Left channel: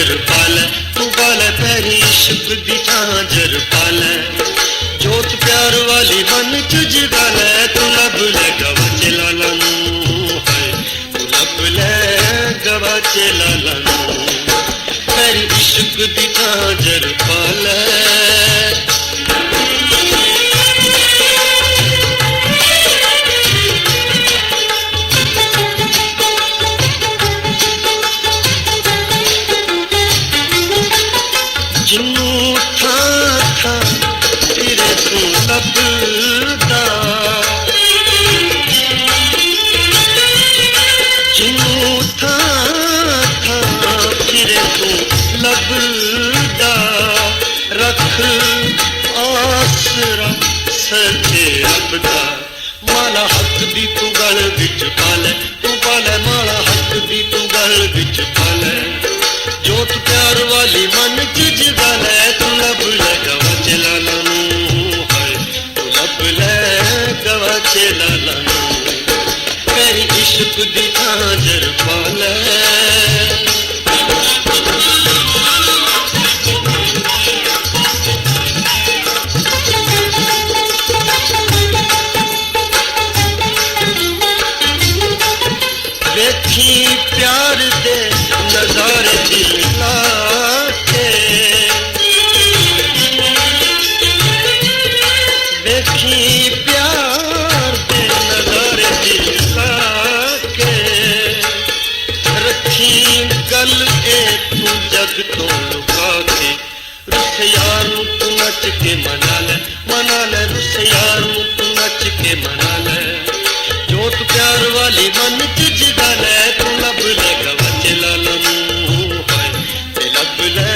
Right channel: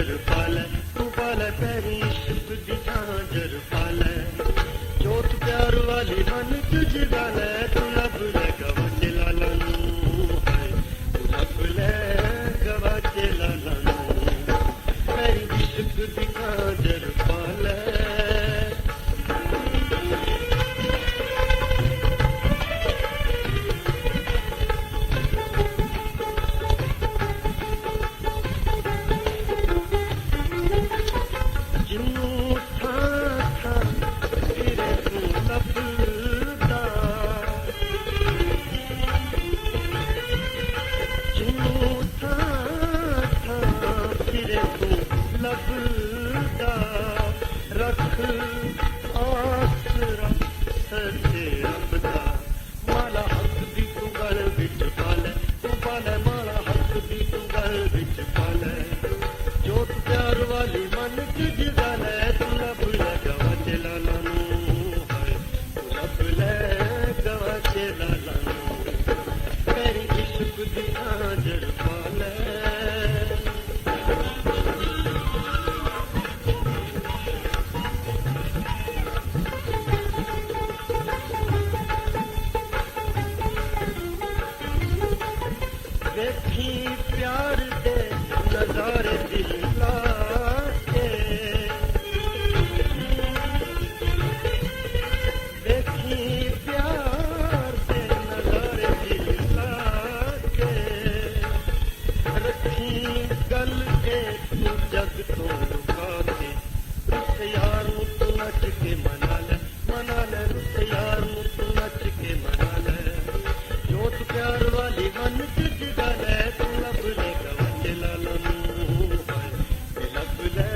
झांझर पाले तू पाले पैरी इश्क दी झांझर पाले जोत प्यार वाली मन च जगाले तू लब ले गवाचे लाला नू हाय तू लब ले गवाचे लाला नू पैरी इश्क दी झांझर पाले जिन्नू था फिरे तू लभदा जिन्नू था फिरे तू लभदा रख आसरा सचे रब दा माला हक दी तू गल विच पाले तू पाले माला हक दी तू गल विच पाले जोत प्यार वाली मन च जगाले तू लब ले गवाचे लाला नू हाय तू लब ले गवाचे लाला नू तेरी इश्क दी झांझर पाले देखी प्यार दे नजारे दिल लाके देखी प्यार दे नजारे दिल लाके रखी गल ए तू जग तो लुका के रुस यार नू तू नच के मना ले रुस यार नू तू नच के मना ले जोत प्यार वाली मन च जगाले तू लब ले गवाचे लाला नू हाय ते लब ले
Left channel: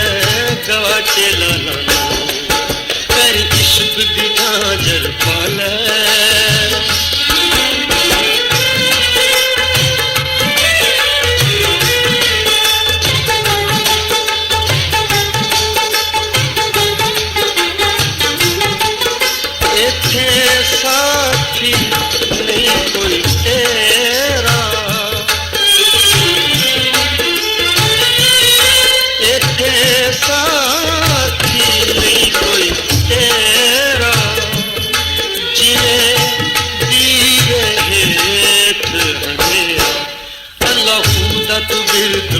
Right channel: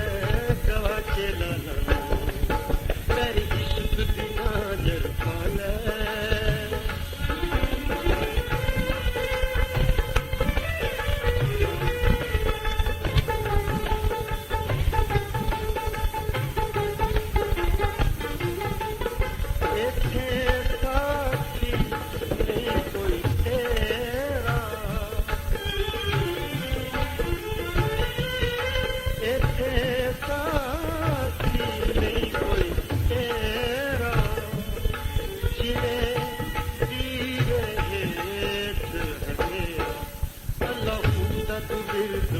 गवाचे लाला नू तेरी इश्क दी झांझर पाले इत्थे साथी नहीं कोई तेरा इत्थे साथी नहीं कोई तेरा जिए दीए हेठ अंधेरा अल्लाह दा तू बिरद